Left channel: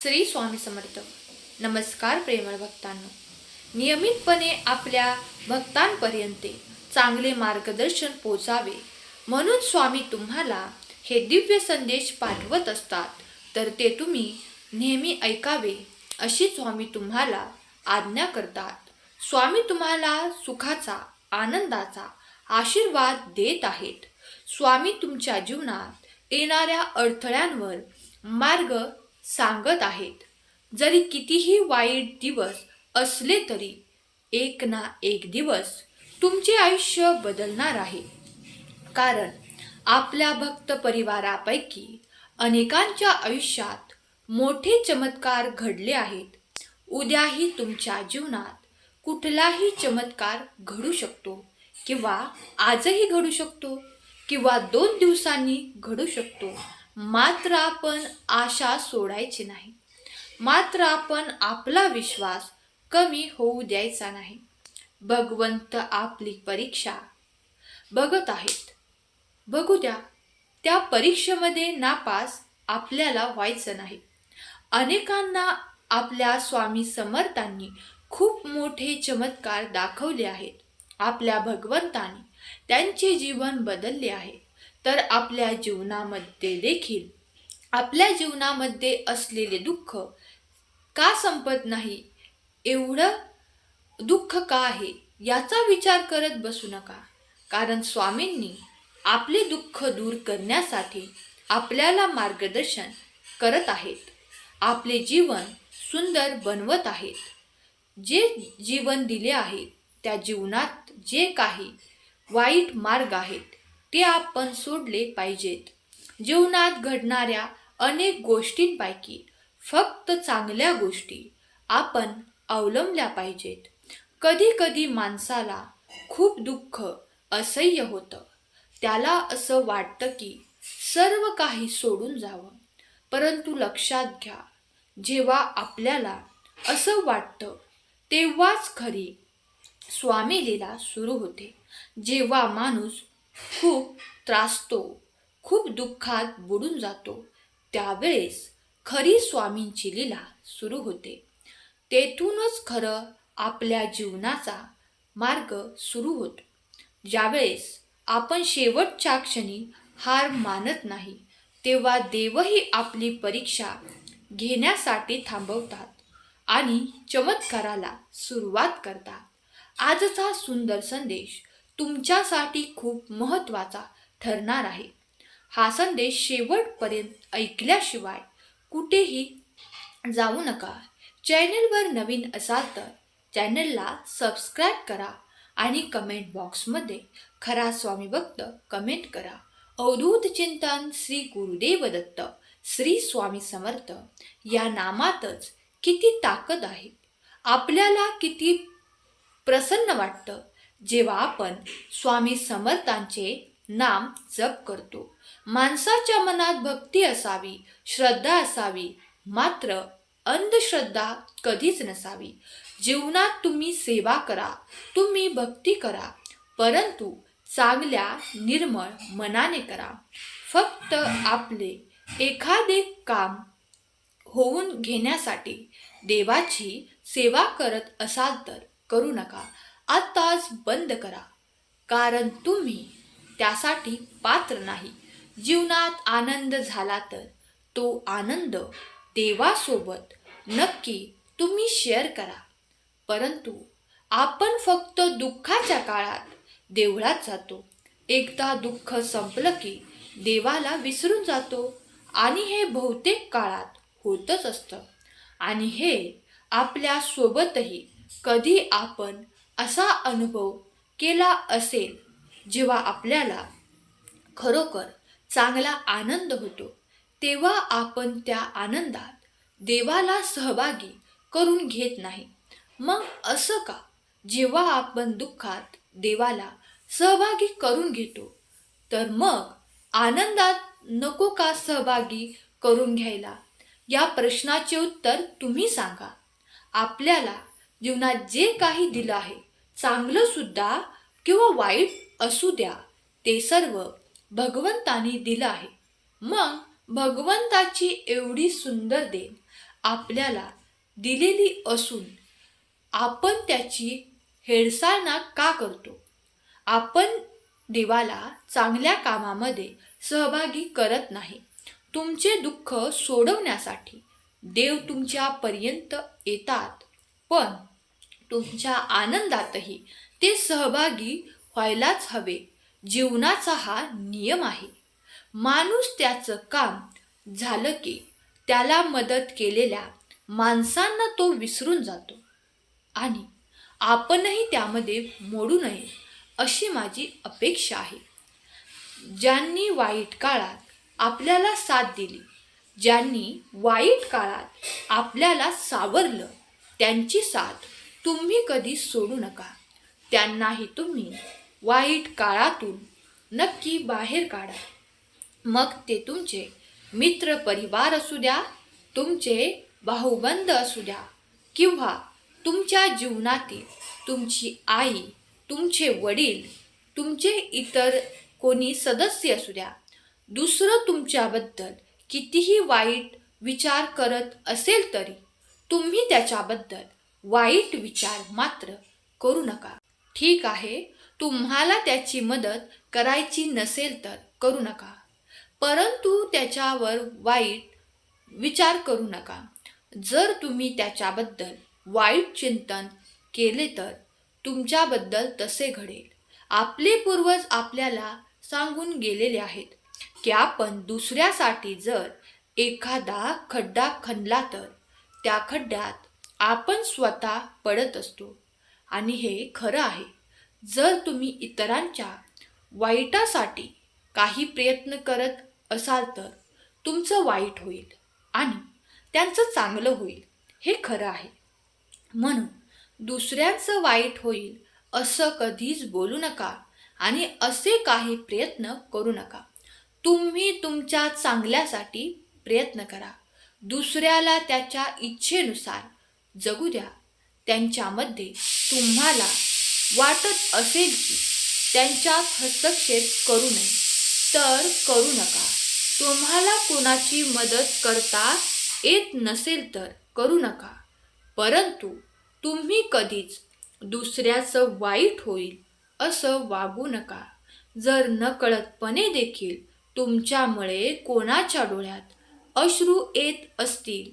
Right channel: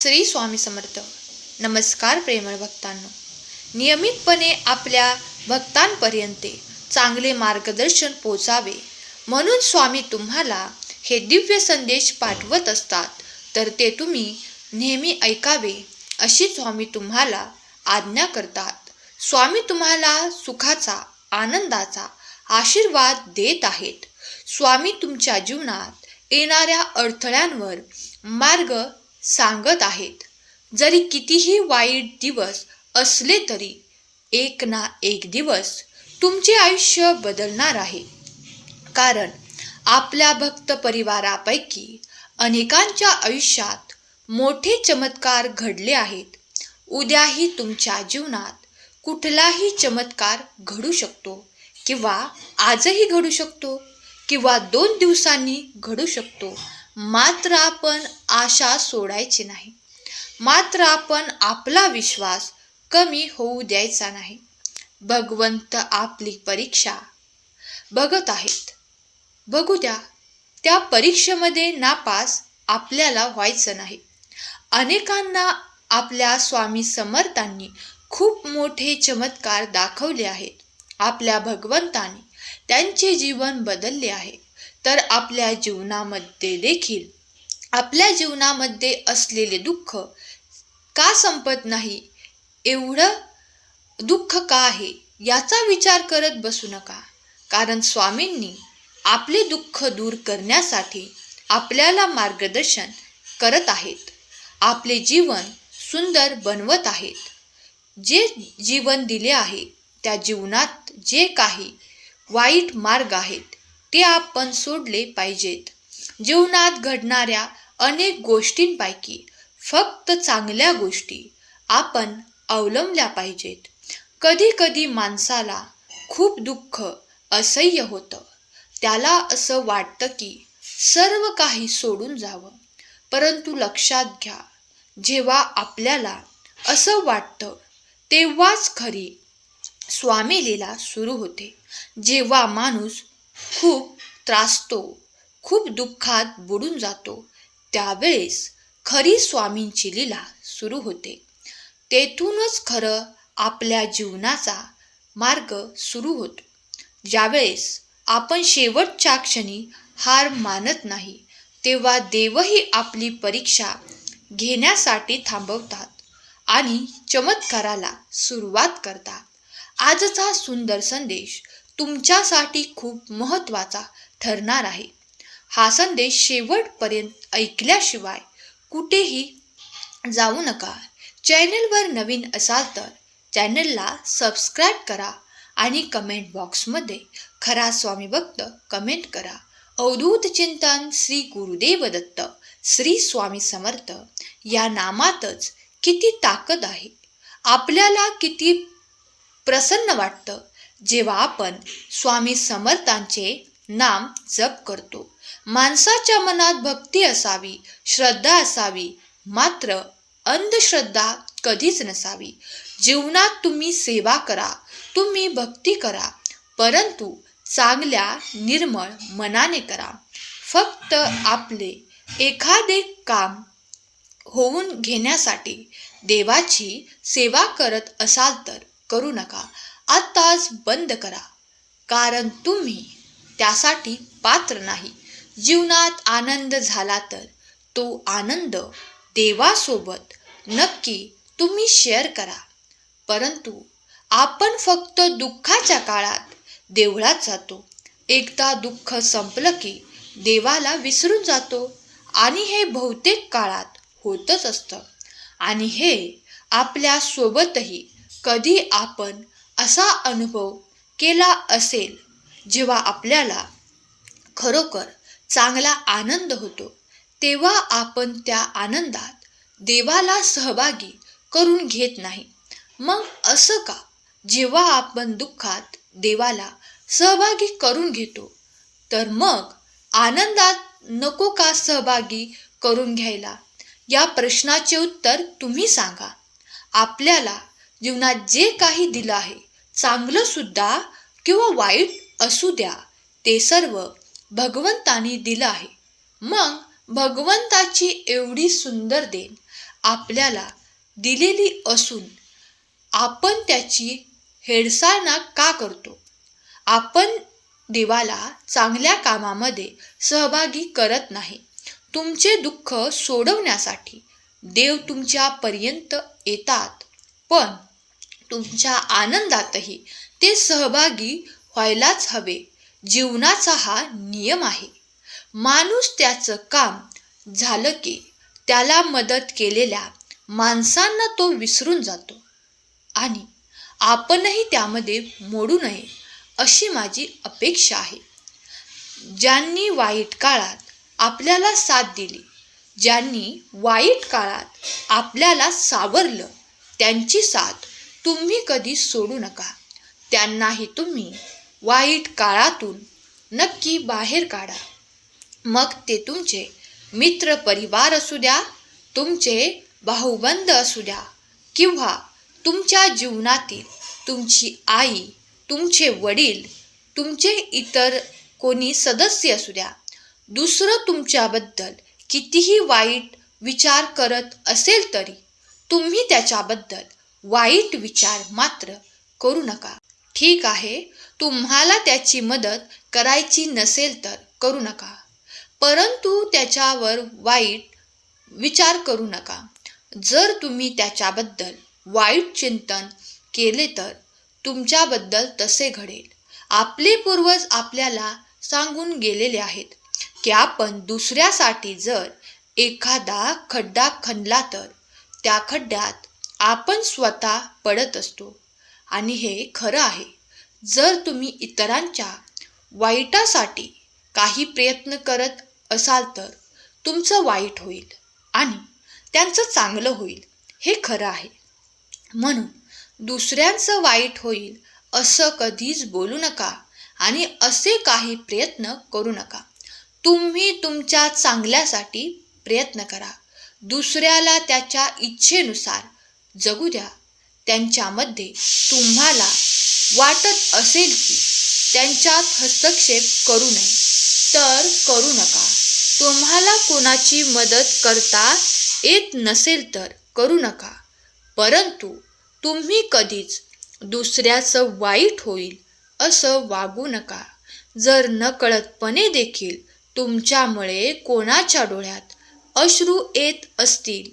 श्री स्वामी समर्थ. नमस्कार प्रेमळ भक्तांनो. नियमितपणे आपल्या भक्तांपर्यंत चांगले मार्गदर्शन पोचावे म्हणून स्वामी तुम्हाला हे दिव्य संदेश पाठवत असतात, तर ते तुम्ही नेहमी ऐकावे अशी स्वामी तुम्हाला आज्ञा करतात. स्वामी तुम्हाला सुखाचा, आनंदाचा आशीर्वाद देत आहेत. स्वामी तुमच्या जीवनात येणाऱ्या अडथळ्यांवर मार्ग सांगत आहेत. जरी कितीही वाईट दिवस असले तरी एक ना एक दिवस तुमचे आयुष्य बदलणार आहे. कारण आपल्या भक्त परिवारापैकी अनेकांच्या आयुष्यात मोठे चमत्कार घडले आहेत. उद्याही तुमच्या जीवनात कुठलाही चमत्कार घडू शकतो, किंवा आजही घडू शकतो, किंवा 2 दिवसांनी घडू शकतो. मात्र आपण आशा सोडायची नाही. मात्र आपण आपला विश्वास कमी होऊ द्यायचा नाही. भगवंत आपली परीक्षा बघत आहेत. बघू द्या. त्या परीक्षेमध्ये नापास आपल्याला व्हायचं नाही. अनेकांना आपल्या स्वामी समर्थांनी खूप मोठे चमत्कार दाखवले आहेत. आपल्या भगवंताने त्यांचे जीवन बदलले आहे. तर आपल्या जीवनामध्ये देखील आपल्या जीवनामध्ये असलेले दुःख का संपत नाही, एवढं दुःख का आहे याचा विचार करत बसू नका. कारण स्वामींनी आपले दुःख दूर करण्यासाठी आपल्याला मार्गदर्शन करत आहेत. आपले जीवन सुंदर बनवत आहेत. जे जीवन दिले आहे त्या जीवनात जे काही वाईट मार्ग आहेत ते आपण सोडले पाहिजेत. जीवनात घडणाऱ्या अनेक गोष्टींपैकी फक्त चांगल्या गोष्टी आपण अवलंबल्या पाहिजेत. कधी कधी माणसाला खूप दुःख असह्य होतं. त्याला असं वाटतं की सर्व काही सोडून जावं. परंतु लक्षात घ्या, जेव्हा आपल्याला असं वाटतं तेव्हाच खरी स्वामी लीला सुरू होते. जेव्हा माणूस खूप त्रासतो, खूप दुःखात बुडून जातो, त्यावेळेस खरी स्वामींची लीला सुरू होते. तेथूनच खरं आपल्या जीवनाचा मार्ग सुरू होतो. ज्यावेळेस आपण शेवटच्या क्षणी हार मानत नाही, तेव्हा देवही आपली परीक्षा घेण्यासाठी थांबवतात आणि चमत्काराला सुरुवात करतात. आजचा सुंदर संदेश तुमच्यासाठी खूप महत्त्वाचा ठरणार आहे. हा संदेश शेवटपर्यंत ऐकल्याशिवाय कुठेही जाऊ नका. चॅनलवर नवीन असाल तर चॅनलला सबस्क्राईब करा आणि कमेंट बॉक्समध्ये खरा स्वामी भक्त कमेंट करा. अवधूत चिंतन श्री गुरुदेव दत्त श्री स्वामी समर्थ या नामातच किती ताकद आहे. आपल्याला किती प्रसन्न वाटतं जेव्हा आपण स्वामी समर्थांचे नाम जप करतो. माणसाच्या मनात भक्ती असावी, श्रद्धा असावी, मात्र अंधश्रद्धा कधीच नसावी. जीवनात तुम्ही सेवा करा, तुम्ही भक्ती करा, परंतु चांगल्या निर्मळ मनाने करा. फक्त आपले एखादे काम होऊन घेण्यासाठी देवाची सेवा करत असाल तर करू नका. आत्ताच बंद करा, कारण तुम्ही त्यासाठी पात्र नाही. जीवनात आनंद झाला तर तो आनंद देवासोबत नक्की तुम्ही शेअर करा. परंतु आपण फक्त दुःखाच्या काळात देवळात जातो. एकदा दुःख संपलं की देवाला विसरून जातो, आणि हे बहुतेक काळात होतच असतं. आणि हे आपल्या सोबतही कधी आपण असा अनुभव केला असेल, जेव्हा आपल्याला खरोखर चांगला आनंद होतो, तेव्हा आपण त्या आनंदात देवाला सहभागी करून घेत नाही. मग असं का? जेव्हा आपण दुःखात देवाला सहभागी करून घेतो, तर मग आनंदात नको का सहभागी करून घ्यायला? या प्रश्नाचे उत्तर तुम्ही सांगा. आपल्याला जीवनात जे काही दिलं आहे, चांगलं सुद्धा किंवा वाईट असू द्या, ते सर्व भगवंतानी दिलं आहे. मग भगवंताची एवढी सुंदर देण आपल्याला दिलेली असून आपण त्याची हेळसांड का करतो? आपण देवाला चांगल्या कामामध्ये सहभागी करत नाही. तुमचे दुःख सोडवण्यासाठी देव तुमच्यापर्यंत येतात, पण तुमच्या आनंदातही ते सहभागी व्हायलाच हवे. जीवनाचा हा नियम आहे. माणूस त्याचं काम झालं की त्याला मदत केलेल्या माणसांना तो विसरून जातो आणि आपणही त्यामध्ये मोडू नये अशी माझी अपेक्षा आहे. ज्यांनी वाईट काळात आपल्याला साथ दिली, ज्यांनी वाईट काळात आपल्याला सावरलं, त्यांची साथ तुम्ही कधी सोडू नका. त्यांनाही तुम्ही वाईट काळातून नक्की बाहेर काढा. मग ते तुमचे मित्र परिवार असू द्या, तुमचे भाऊबंद असू द्या, किंवा तुमच्या जीवनातील तुमची आई, तुमचे वडील, तुमचे इतर कोणी सदस्य असू द्या. दुसरं तुमच्याबद्दल कितीही वाईट विचार करत असेल तरी तुम्ही त्याच्याबद्दल वाईट विचार मात्र करू नका. ठीक आहे, तुम्हाला त्याची मदत करायची नसेल तर करू नका, परंतु त्याच्यावर वाईट विचार करू नका. जर तुम्ही त्याच्याबद्दल वाईट चिंतन केले तर तुमच्याबद्दल तसे घडेल. आपले पूर्वज आपल्याला सांगून गेलेले आहेत की आपण दुसऱ्यासाठी जर एखादा खड्डा खणला तर त्या खड्ड्यात आपण स्वतः पडत असतो, आणि हे खरं आहे. जर तुम्ही इतरांच्या वाईटासाठी काही प्रयत्न करत असाल तर तुमचं वाईट होईल आणि त्यांचं चांगलं होईल, हे खरं आहे. म्हणून दुसऱ्यांचं वाईट होईल असं कधीच बोलू नका आणि असे काही प्रयत्न करू नका. तुम्ही तुमच्या चांगल्यासाठी प्रयत्न करा. दुसऱ्याला त्याच्या इच्छेनुसार जगू द्या. त्यांच्यामध्ये तुम्हाला वाटत असेल की त्यांच्यात हस्तक्षेप करू नये तर करू नका. तुम्हाला कोणाची मदत करता येत नसेल तर करू नका, परंतु तुम्ही कधीच दुसऱ्याचं वाईट होईल असं वागू नका. जर नकळतपणे देखील तुमच्यामुळे कोणाच्या डोळ्यात अश्रू येत असतील,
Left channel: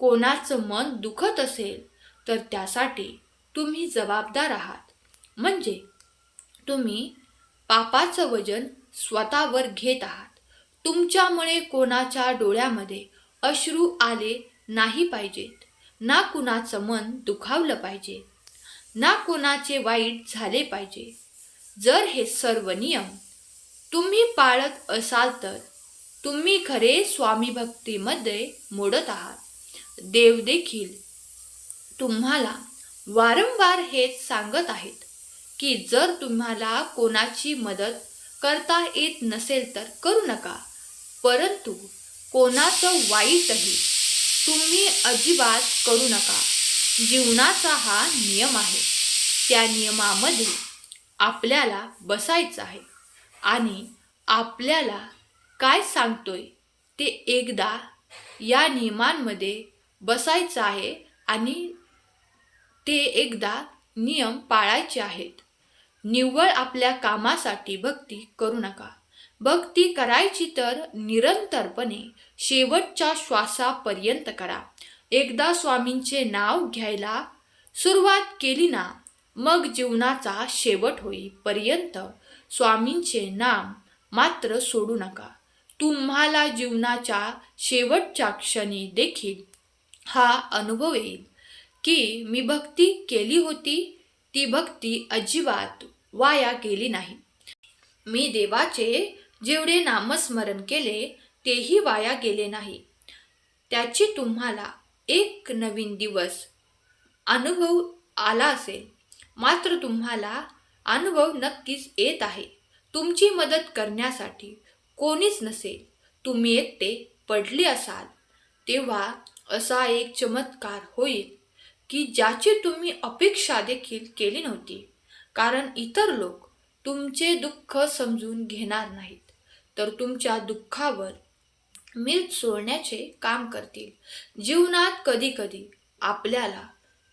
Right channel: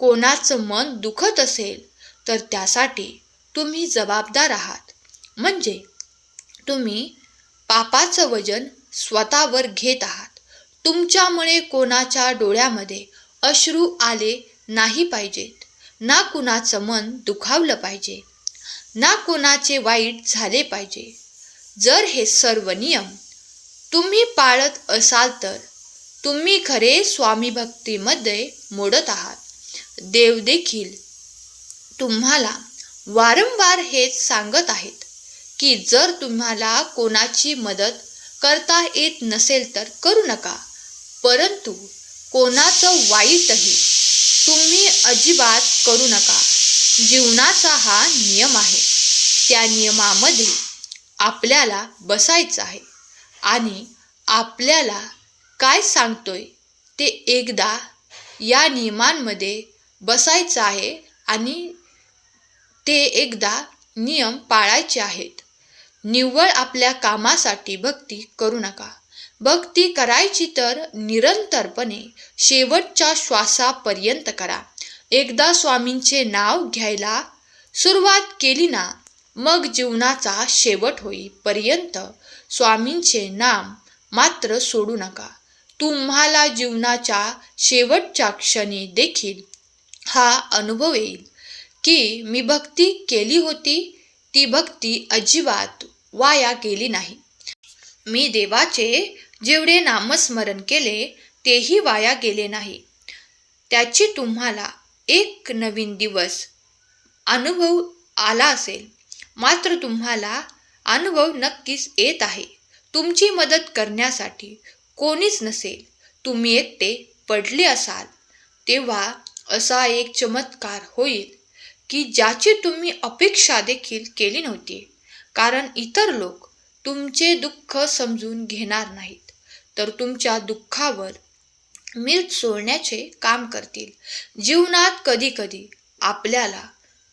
कोणाचं मन दुखत असेल, तर त्यासाठी तुम्ही जबाबदार आहात. म्हणजे तुम्ही पापाचं वजन स्वतःवर घेत आहात. तुमच्यामुळे कोणाच्या डोळ्यामध्ये अश्रू आले नाही पाहिजेत, ना कुणाचं मन दुखावलं पाहिजे, ना कोणाचे वाईट झाले पाहिजे. जर हे सर्व नियम तुम्ही पाळत असाल तर तुम्ही खरे स्वामी भक्तीमध्ये मोडत आहात. देव देखील तुम्हाला वारंवार हेच सांगत आहेत की जर तुम्हाला कोणाची मदत करता येत नसेल तर करू नका, परंतु कोणाचं वाईटही तुम्ही अजिबात करू नका. जीवनाचा हा नियम आहे. त्या नियमामध्ये आपल्याला बसायचं आहे आणि आपल्याला काय सांगतोय ते एकदा या नियमांमध्ये बसायचं आहे आणि ते एकदा नियम पाळायचे आहेत. निव्वळ आपल्या कामासाठी भक्ती करू नका. भक्ती करायची तर निरंतरपणे शेवटच्या श्वासापर्यंत करा. एकदा स्वामींचे नाव घ्यायला सुरुवात केली ना, मग जीवनाचा शेवट होईपर्यंत स्वामींचे नाम मात्र सोडू नका. तुम्हाला जीवनाच्या शेवटच्या क्षणी देखील हा अनुभव येईल की मी भक्ती केली होती, ती भक्ती अजिबात वाया गेली नाही. मी देवाचे जेवढे नामस्मरण केले तेही वाया गेले नाही. त्याची तुम्हाला एक नवीन दिवस अनुभव आला असेल, मात्र तुम्हाला अनुभव नक्कीच येत आहे. तुमची मदत करण्यासाठी कोणीच नसेल, तुम्ही एकटे पडले असाल, तेव्हा असा एक चमत्कार होईल की ज्याची तुम्ही अपेक्षा देखील केली नव्हती. कारण इतर लोक तुमचे दुःख समजून घेणार नाहीत, तर तुमच्या दुःखावर मीठ सोडण्याचे काम करतील. जीवनात कधी कधी आपल्याला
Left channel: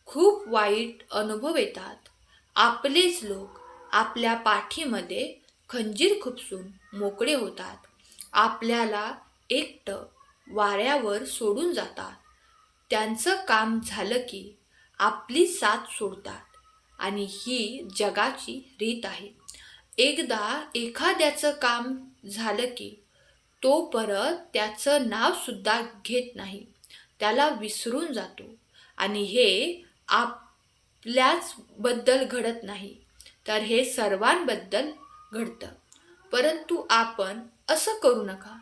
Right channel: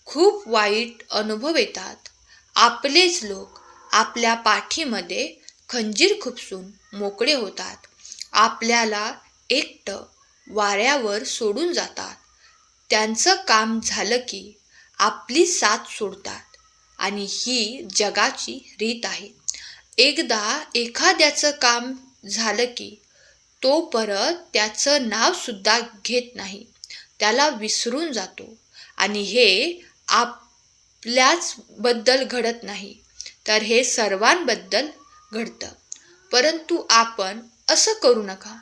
खूप वाईट अनुभव येतात. आपलेच लोक आपल्या पाठीमध्ये खंजीर खुपसून मोकळे होतात. आपल्याला एकटं वाऱ्यावर सोडून जातात. त्यांचं काम झालं की आपली साथ सोडतात आणि ही जगाची रीत आहे. एकदा एखाद्याचं काम झालं की तो परत त्याचं नाव सुद्धा घेत नाही. त्याला विसरून जातो आणि हे आपल्याच बद्दल घडत नाही, तर हे सर्वांबद्दल घडतं. परंतु आपण असं करू नका,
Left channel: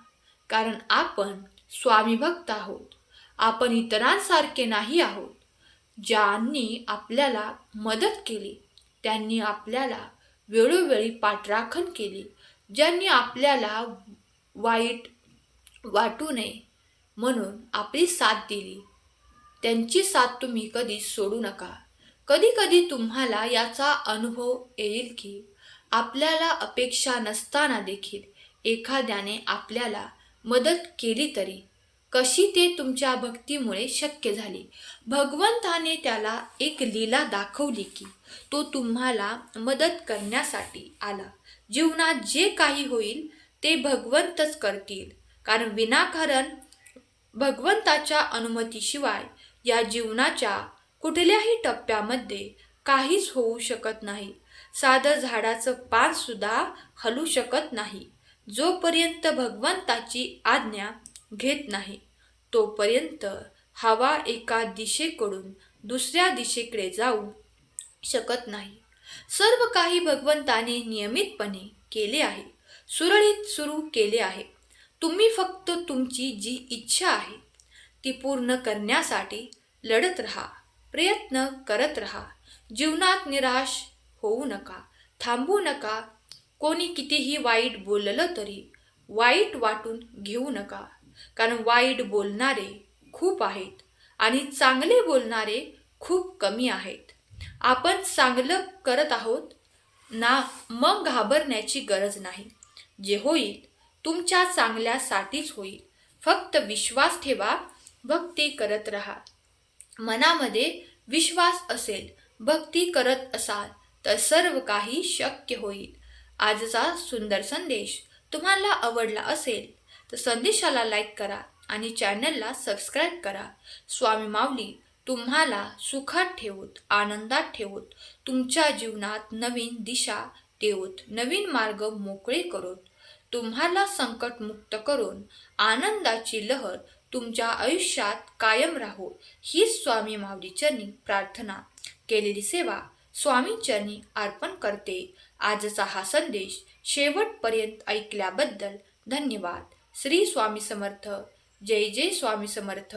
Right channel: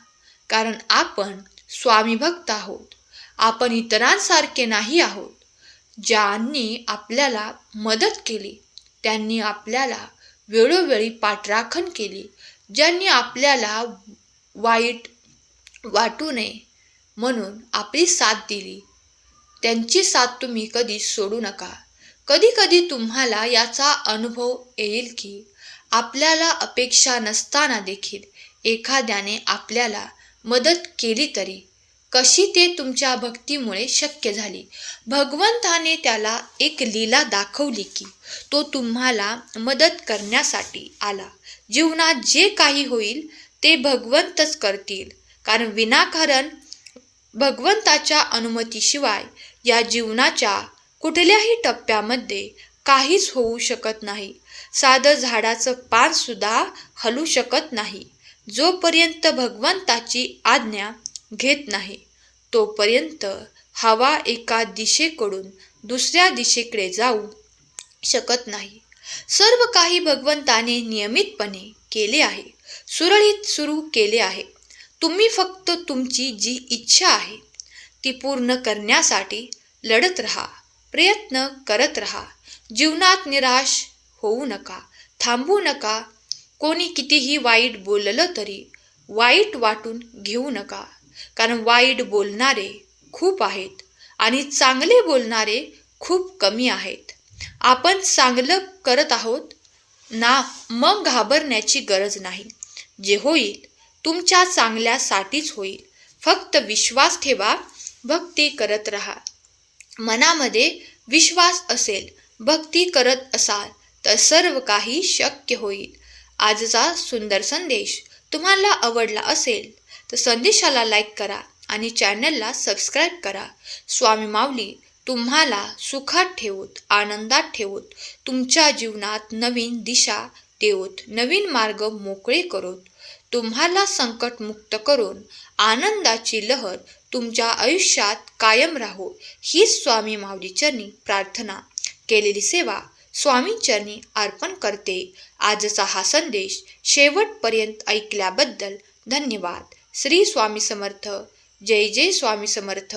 कारण आपण स्वामी भक्त आहोत. आपण इतरांसारखे नाही आहोत. ज्यांनी आपल्याला मदत केली, त्यांनी आपल्याला वेळोवेळी पाठराखण केली, ज्यांनी आपल्याला वाईट वाटू नये म्हणून आपली साथ दिली, त्यांची साथ तुम्ही कधी सोडू नका. कधी कधी तुम्हाला याचा अनुभव येईल की आपल्याला अपेक्षा नसताना देखील एखाद्याने आपल्याला मदत केली, तरी कशी ते तुमच्या भक्तीमुळे शक्य झाली. भगवंताने त्याला एक लीला दाखवली की तो तुम्हाला मदत करण्यासाठी आला. जीवनात जे काही होईल ते भगवंतच करतील, कारण विनाकारण भगवंताच्या अनुमतीशिवाय या जीवनाच्या कुठल्याही टप्प्यामध्ये काहीच होऊ शकत नाही. साधं झाडाचं पान सुद्धा हलू शकत नाही. जोपर्यंत भगवंताची आज्ञा घेत नाही तोपर्यंत हवा एका दिशेकडून दुसऱ्या दिशेकडे जाऊ शकत नाही. सर्व काही भगवंताने नियमितपणे केले आहे, सुरळीत सुरू केले आहे. तुम्ही फक्त तुमची जी इच्छा आहे ती पूर्ण करण्यासाठी लढत राहा, प्रयत्न करत राहा. जीवनात निराश होऊ नका, थांबू नका. कोणी कितीही वाईट बोललं तरी वाईट वाटून घेऊ नका, कारण वाईट बोलणारे खूप आहेत आणि चांगले बोलणारे खूप कमी आहेत. आपण चांगलं करत आहोत ना, मग घाबरण्याची गरज नाही. जे होईल तुमच्या चांगल्यासाठीच होईल. फक्त विश्वास ठेवा, भक्ती करत राहा. मनामध्ये विश्वास असेल, भक्ती करत असाल तर सर्व काही शक्य होईल. आजचा सुंदर संदेश तुम्हाला आवडला असेल तर संदेशाला लाईक करा आणि चॅनलला सबस्क्राईब करा. स्वामी माऊली तुम्हाला सुखात ठेवोत, आनंदात ठेवोत, तुमच्या जीवनात नवीन दिशा देवोत, नवीन मार्ग मोकळे करोत, तुम्हाला संकटमुक्त करून आनंदाची लहर तुमच्या आयुष्यात कायम राहो. ही स्वामी माऊली चरणी प्रार्थना. केलेली सेवा स्वामींचरणी अर्पण करते. आजचा हा संदेश शेवटपर्यंत ऐकल्याबद्दल धन्यवाद. श्री स्वामी समर्थ. जय जय स्वामी समर्थ.